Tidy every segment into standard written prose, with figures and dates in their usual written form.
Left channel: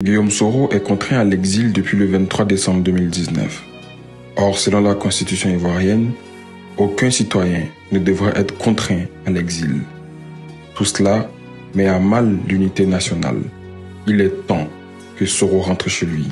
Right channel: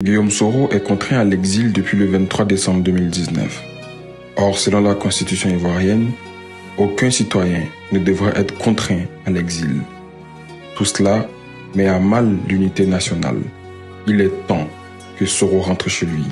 Guillaume Soro est contraint à l'exil depuis le 23 décembre 2019. Or, selon la constitution ivoirienne, aucun citoyen ne devrait être contraint à l'exil. Tout cela met à mal l'unité nationale. Il est temps que Soro rentre chez lui.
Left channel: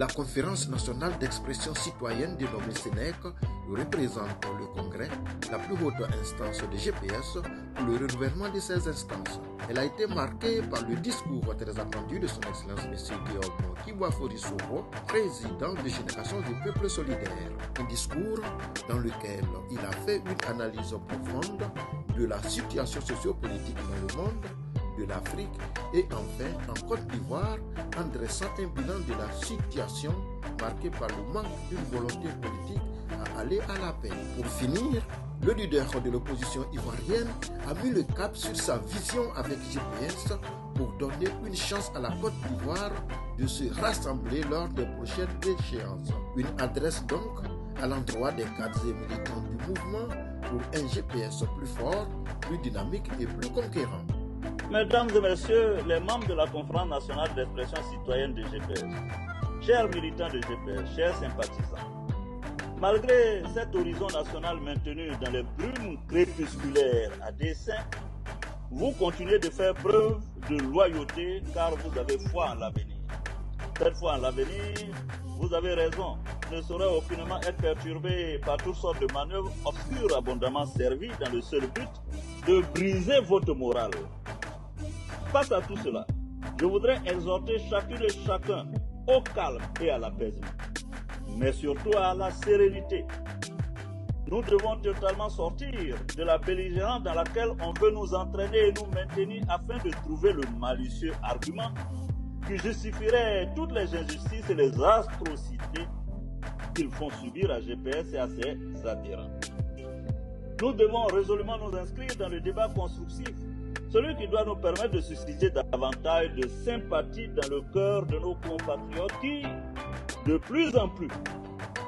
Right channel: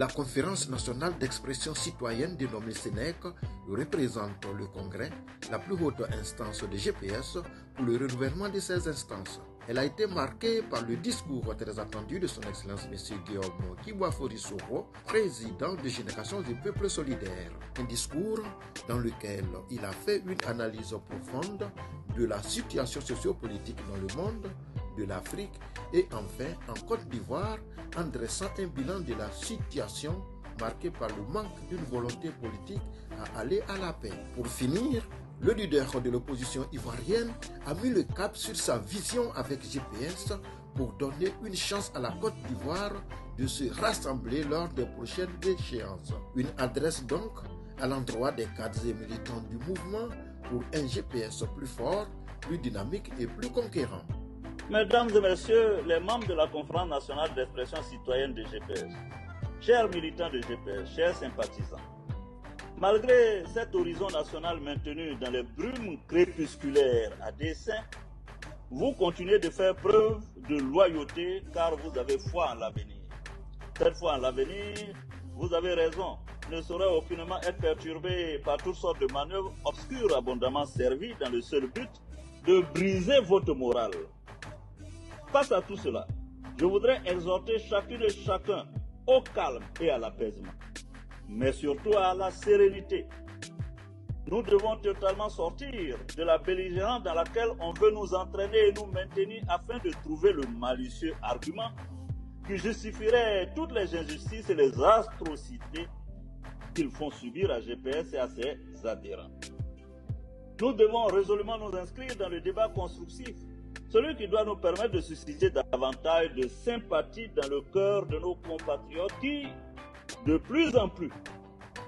La conférence nationale d'expression citoyenne dénommée Sénèque représente le Congrès, la plus haute instance de GPS pour le renouvellement de ces instances. Elle a été marquée par le discours très attendu de son Excellence M. Guillaume Kiboafori Soro, président de Génération du Peuple Solidaire. Un discours dans lequel il a fait une analyse profonde de la situation sociopolitique dans le monde, de l'Afrique et enfin en Côte d'Ivoire en dressant un bilan de la situation marquée par le manque d'une volonté politique à aller à la paix. Pour finir, le leader de l'opposition ivoirienne a mis le cap sur sa vision avec GPS pour donner une chance à la Côte d'Ivoire de se rassembler lors des prochaines échéances. Une adresse donc à l'endroit des cadres et militants du mouvement pour un GPS plus fort, plus dynamique et plus conquérant. Mesdames et messieurs, les membres de la Conférence nationale d'expression citoyenne de GPS, chers militants de GPS, chers sympathisants, malgré cet horizon national maintenu dans les brumes crépusculaires à dessein, vous continuez de faire preuve de loyauté car vous avez foi en l'avenir. Cette foi en l'avenir, vous avez raison, ne saurait aucunement être perturbée par toutes sortes de manœuvres obscures abondamment servies dans le seul but de briser votre morale. Face à tout cela, je voudrais exhorter chacune et chacun au calme et à l'apaisement, mais surtout à la sérénité. Nous devons totalement sortir de la belligérance dans laquelle on veut nous entraîner et nous maintenir afin de trouver le malicieux argument qui justifierait toutes les injustices et les atrocités qu'ils font subir à GPS et à ses adhérents. Nous devons résolument nous inscrire dans le débat constructif, celui qui doit nous permettre de susciter davantage de sympathie dans le cœur de nos compatriotes qui, de plus en plus,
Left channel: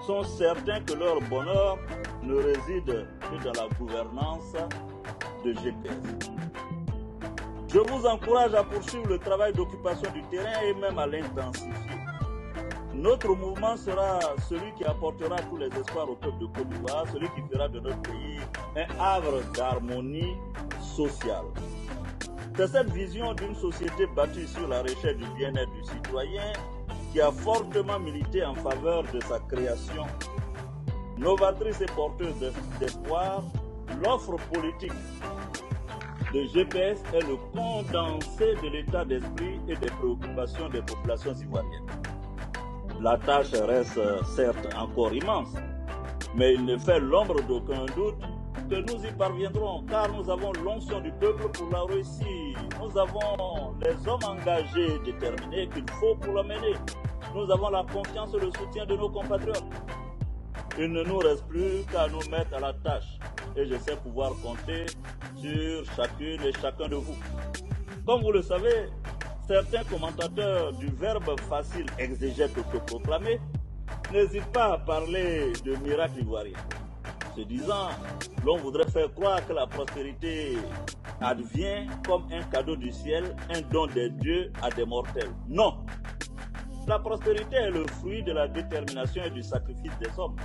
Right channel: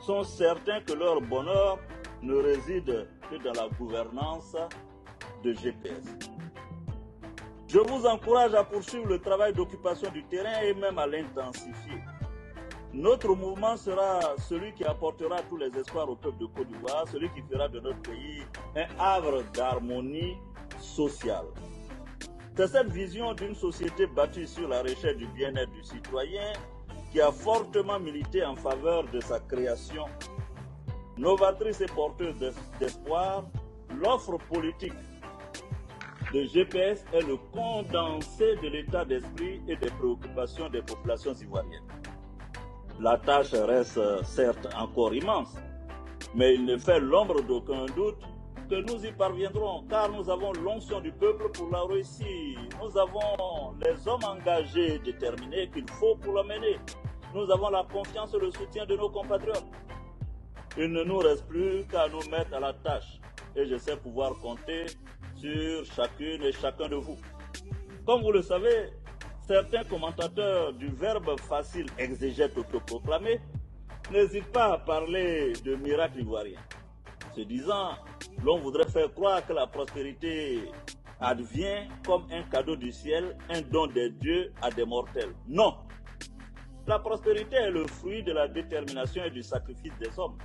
sont certains que leur bonheur ne réside que dans la gouvernance de GPS. Je vous encourage à poursuivre le travail d'occupation du terrain et même à l'intensifier. Notre mouvement sera celui qui apportera tous les espoirs au peuple de Côte d'Ivoire, celui qui fera de notre pays un havre d'harmonie sociale. C'est cette vision d'une société bâtie sur la recherche du bien-être du citoyen qui a fortement milité en faveur de sa création. Novatrice et porteuse d'espoir, l'offre politique de GPS est le condensé de l'état d'esprit et des préoccupations des populations ivoiriennes. La tâche reste certes encore immense, mais il ne fait l'ombre d'aucun doute que nous y parviendrons, car nous avons l'onction du peuple pour la réussir. Nous avons les hommes engagés, déterminés qu'il faut pour la mener. Nous avons la confiance et le soutien de nos compatriotes. Il ne nous reste plus qu'à nous mettre à la tâche, et je sais pouvoir compter sur chacune et chacun de vous. Comme vous le savez, certains commentateurs du verbe facile exégète autoproclamé n'hésitent pas à parler de miracle ivoirien. Se disant, l'on voudrait faire croire que la prospérité advient comme un cadeau du ciel, un don des dieux à des mortels. Non! La prospérité est le fruit de la détermination et du sacrifice des hommes.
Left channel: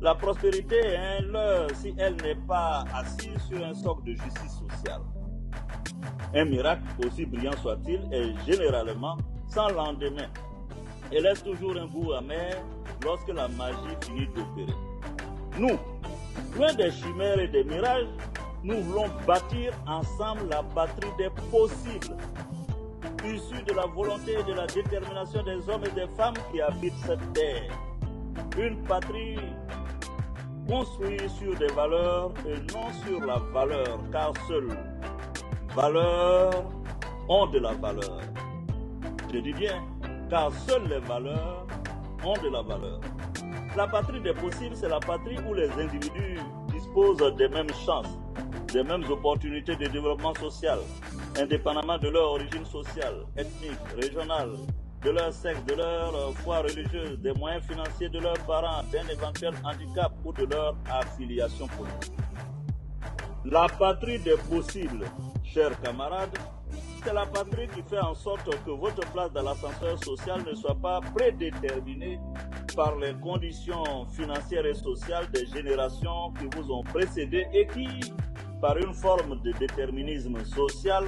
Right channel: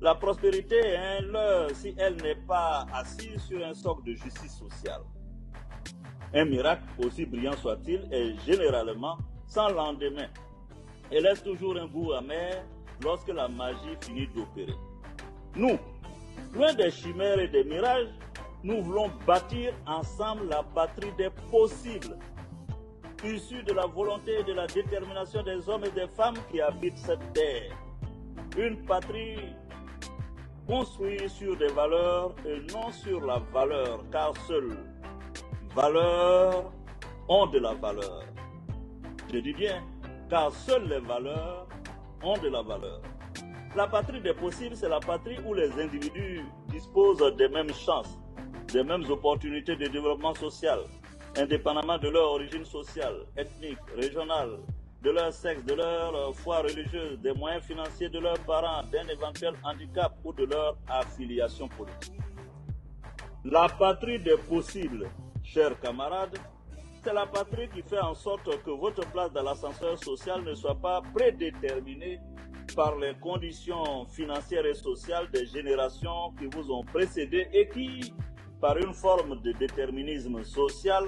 La prospérité est un leurre si elle n'est pas assise sur un socle de justice sociale. Un miracle, aussi brillant soit-il, est généralement sans lendemain et laisse toujours un goût amer lorsque la magie finit d'opérer. Nous, loin des chimères et des mirages, nous voulons bâtir ensemble la patrie des possibles, issue de la volonté et de la détermination des hommes et des femmes qui habitent cette terre. Une patrie construite sur des valeurs et non sur la valeur, car seules valeurs ont de la valeur. Je dis bien, car seules les valeurs ont de la valeur. La patrie des possibles, c'est la patrie où les individus disposent des mêmes chances, des mêmes opportunités de développement social, indépendamment de leur origine sociale, ethnique, régionale, de leur sexe, de leur foi religieuse, des moyens financiers de leurs parents, d'un éventuel handicap ou de leur affiliation politique. La patrie des possibles, chers camarades, c'est la patrie qui fait en sorte que votre place dans l'ascenseur social ne soit pas prédéterminée par les conditions financières et sociales des générations qui vous ont précédé et qui, par une forme de déterminisme social,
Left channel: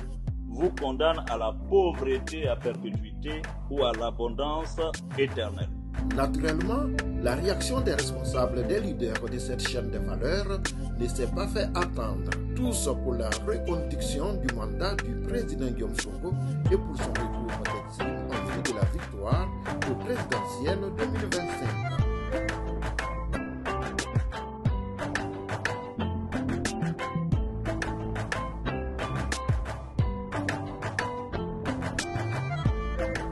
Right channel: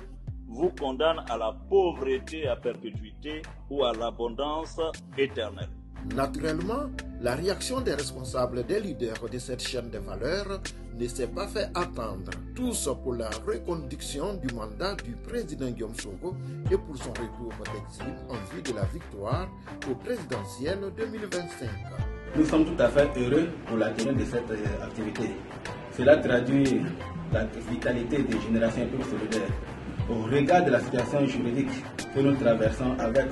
vous condamnent à la pauvreté à perpétuité ou à l'abondance éternelle. Naturellement, la réaction des responsables, des leaders de cette chaîne de valeurs ne s'est pas fait attendre. Tous pour la reconduction du mandat du président Guillaume Soro et pour son retour d'exil en vue de la victoire au présidentiel 2025. Nous sommes tout à fait heureux pour la tenue de cette activité. Cela traduit la vitalité des générations solidaires. Au regard de la situation juridique que nous traversons avec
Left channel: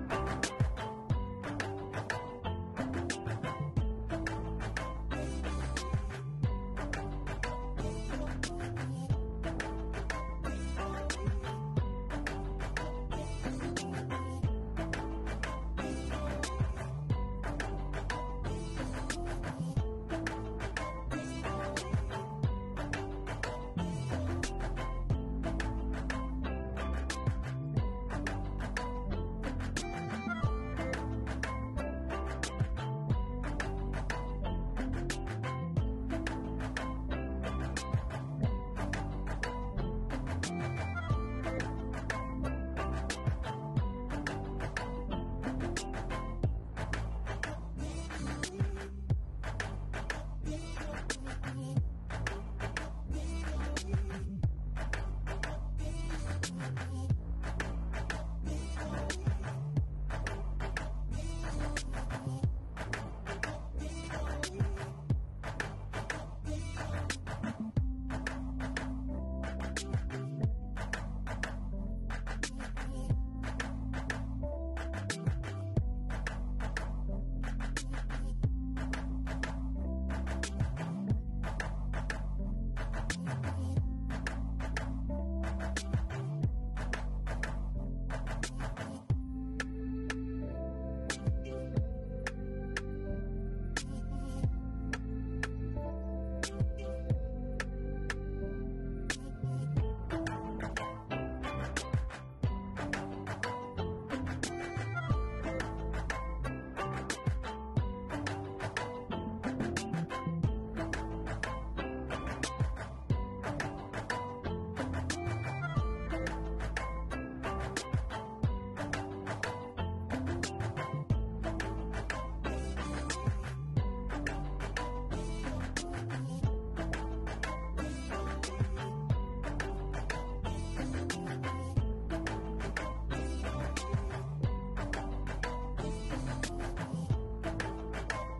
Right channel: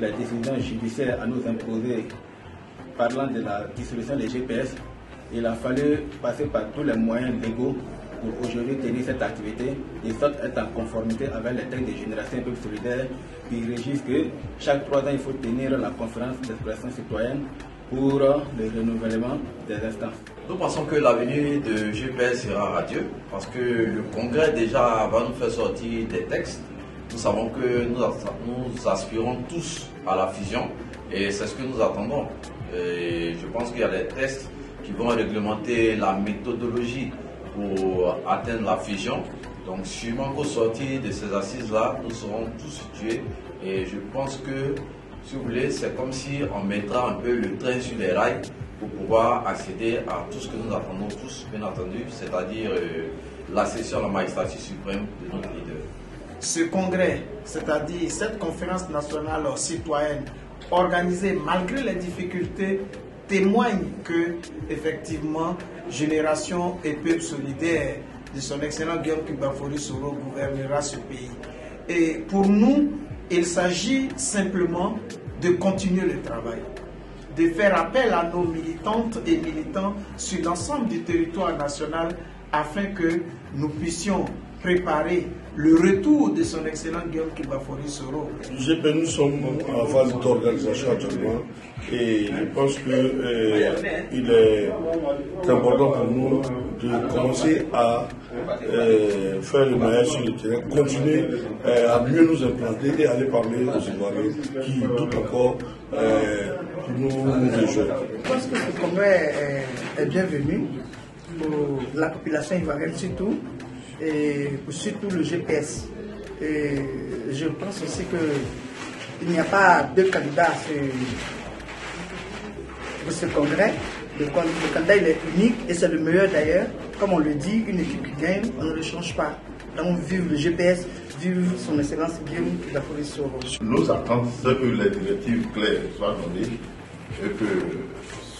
la décision judiciaire à nous imposer, parlant de la dissolution des GPS, il a fallu passer par tous les moyens légaux pour aujourd'hui tenir cette activité et sorte être en conformité avec les textes des générations solidaires qui régissent que chaque 3 ans il faut tenir la conférence d'expression citoyenne pour le renouvellement des instances. Nous pensons que l'avenir de GPS sera radieux parce que le Congrès déjà va nous faire sortir des textes. Nous savons que nous aspirons tous à la fusion et c'est ce que nous attendons. Et je pense qu'il y a des textes qui vont réglementer la méthodologie pour atteindre la fusion. Donc sûrement qu'au sortir de ces assises-là, nous serons tous situés et je pense que, si vous voulez, c'est comme si on mettra un peu le train sur les rails pour pouvoir accéder à tout ce que nous attendons tous, bien entendu, c'est-à-dire la session de la magistrature suprême de notre leader. Ce congrès, c'est-à-dire cette conférence nationale citoyenne organisée malgré les difficultés, témoigne que, effectivement, Génération et Peuple solidaire de son excellent Guillaume Kibafori Soro gouvernera ce pays. Et pour nous, il s'agit simplement de continuer le travail, de faire appel à nos militantes et militants sur l'ensemble du territoire national afin que nous puissions préparer le retour de son excellent Guillaume Kibafori Soro. Nous sommes en phase d'organisation actuellement et je pense qu'il est important pour nous de commencer à faire le maillage sur le terrain, continuer à mieux nous implanter et aller parler aux Ivoiriens qui tout encore nous rejoignent. Je pense que ce congrès est bienvenu pour la population ivoirienne surtout, et surtout le GPS. Et je pense aussi qu'il n'y a pas deux candidats pour ce congrès. Le candidat il est unique et c'est le meilleur d'ailleurs. Comme on le dit, une équipe qui gagne, on ne le change pas. Donc vive le GPS, vive son excellence Guillaume Kibafori Soro. Nos attentes, c'est que les directives claires soient données et que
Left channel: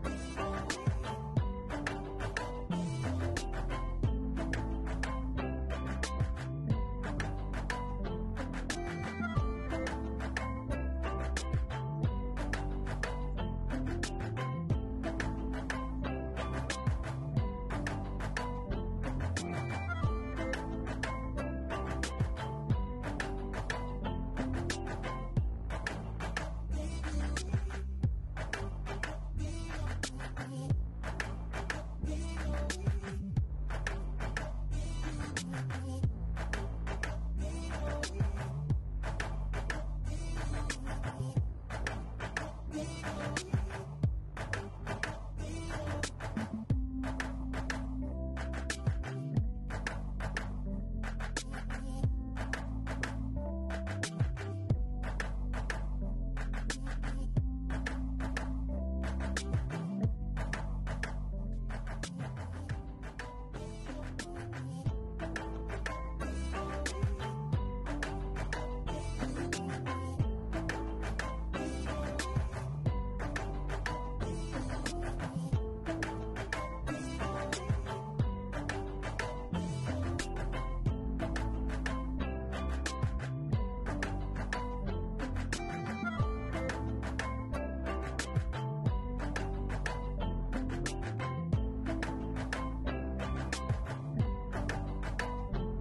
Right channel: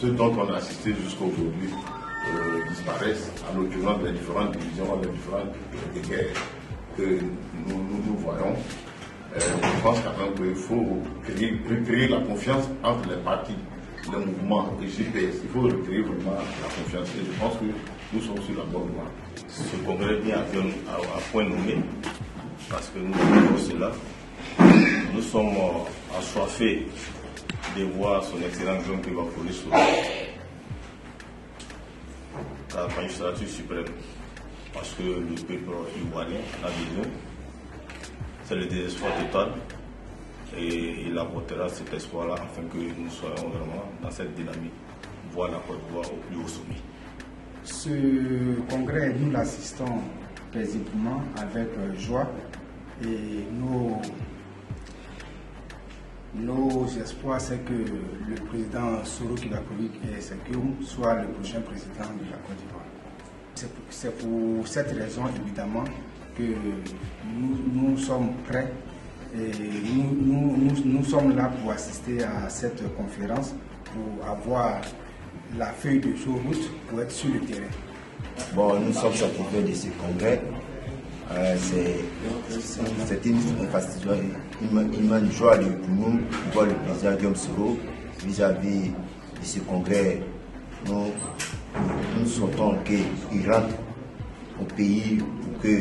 ce dont on a assisté jusqu'à aujourd'hui disparaissent, en l'occurrence les différentes divisions, les différentes guerres que nous voyons. Je pense quand même qu'il faut recréer la confiance entre les partis, les mouvements et GPS. Il faut recréer vraiment la confiance et je pense que nous sommes sur la bonne voie. Ce congrès vient à point nommé parce que nous faisons cela. Nous sommes assoiffés de voir son excellent Guillaume Kibafori Soro la magistrature suprême, parce que le peuple ivoirien a besoin, c'est le désespoir total et il apportera cet espoir-là afin que nous soyons vraiment dans cette dynamique, voir la Côte d'Ivoire au plus haut sommet. Ce congrès, nous l'assistons paisiblement avec joie et nos espoirs, c'est que le président Soro Kibafori soit le prochain président de la Côte d'Ivoire. C'est pour cette raison, évidemment, que nous sommes prêts et nous sommes là pour assister à cette conférence, pour avoir la feuille de route pour être sur le terrain. Bon, nous sommes satisfaits de ce congrès. C'est une immense joie pour nous de voir le président Guillaume Soro vis-à-vis de ce congrès. Nous souhaitons qu'il rentre au pays pour que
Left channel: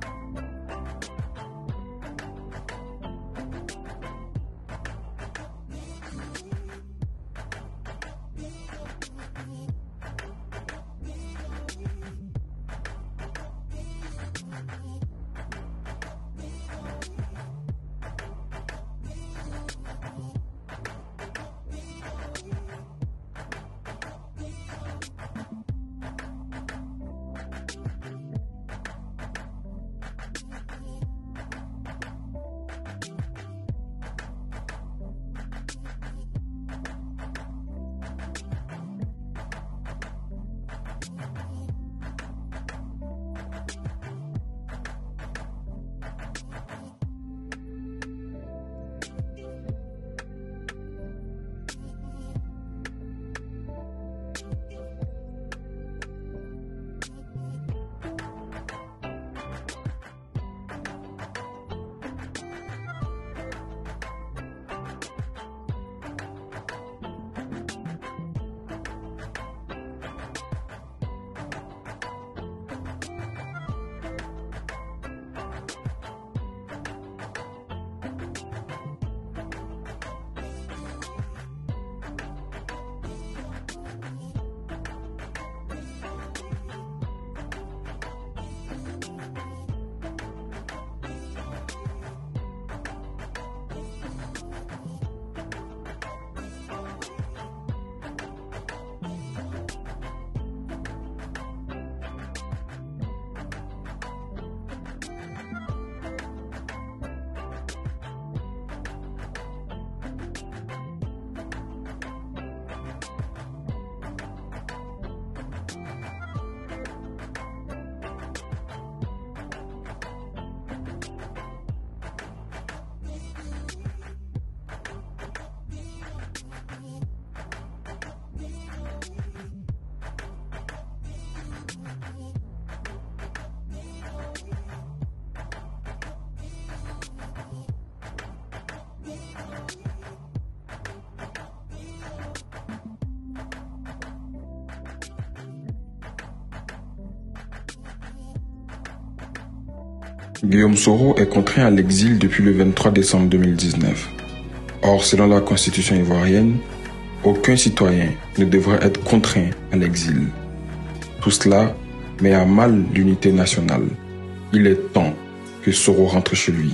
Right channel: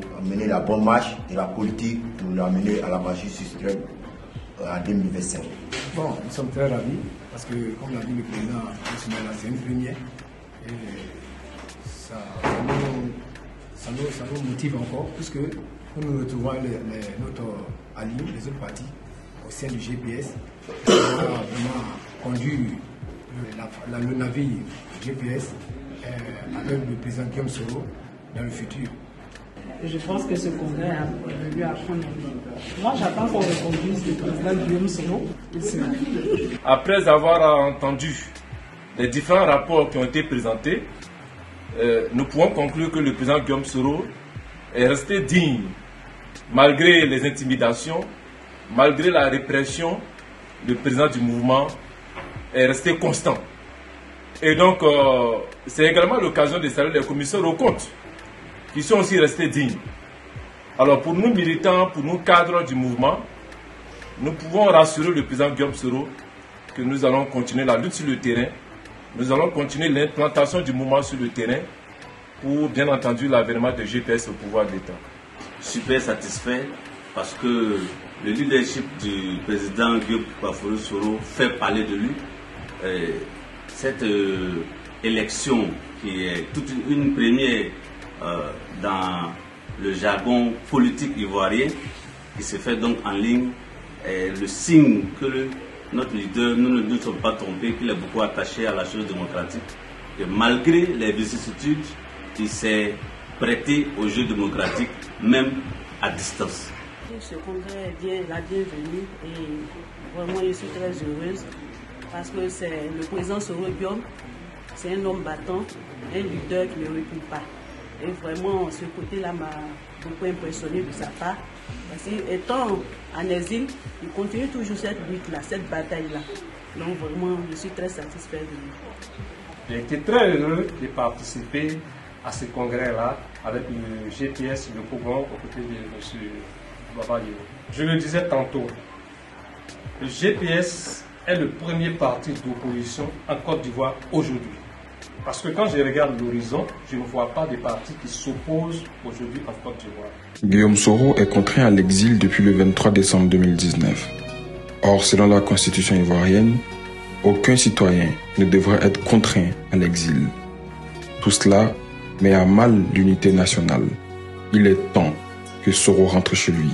pour mener la bonne marche de la politique, pour l'amener à la magie suprême en 2025. Bon, nous sommes très ravis parce que, comme l'a dit le président, c'est une première. Ça nous motive encore, puisque nous retrouvons notre allié, les autres partis, au sein du GPS, qui a vraiment conduit le navire GPS avec le président Guillaume Soro dans le futur. Je pense que ce congrès a dû apprendre. Moi, j'attends qu'on reconduise le président Guillaume Soro. Après avoir entendu les différents rapports qui ont été présentés, nous pouvons conclure que le président Guillaume Soro est resté digne, malgré les intimidations, malgré la répression. Le président du mouvement est resté constant. Et donc, c'est également l'occasion de saluer les commissaires aux comptes, qui sont aussi restés dignes. Alors, pour nous militants, pour nous cadres du mouvement, nous pouvons rassurer le président Guillaume Soro que nous allons continuer la lutte sur le terrain. Nous allons continuer l'implantation du mouvement sur le terrain pour, bien entendu, l'avènement de GPS au pouvoir d'État. Super satisfait parce que le leadership du président Guillaume Soro fait parler de lui. Cette élection qui est toute une première dans le jargon politique ivoirien, qui se fait donc en ligne, est le signe que notre leader, nous ne nous sommes pas trompés, qu'il est beaucoup attaché à la chose démocratique. Et malgré les vicissitudes, il s'est prêté au jeu démocratique, même à distance. Ce congrès est la bienvenue et vraiment je suis très heureuse parce que c'est le président Soro Guillaume, c'est un homme battant, un leader qui ne recule pas. Et vraiment, ce côté-là m'a beaucoup impressionné de sa part. Parce qu'étant en exil, il continue toujours cette lutte-là, cette bataille-là. Donc vraiment, je suis très satisfait de lui. J'ai été très heureux de participer à ce congrès-là avec le GPS, le Pougon, aux côtés de M. Babali. Je le disais tantôt, le GPS est le premier parti d'opposition en Côte d'Ivoire aujourd'hui. Parce que quand je regarde l'horizon, je ne vois pas de parti qui s'oppose aujourd'hui en Côte d'Ivoire. Guillaume Soro est contraint à l'exil depuis le 23 décembre 2019. Or, selon la constitution ivoirienne, aucun citoyen ne devrait être contraint à l'exil. Tout cela met à mal l'unité nationale. Il est temps que Soro rentre chez lui.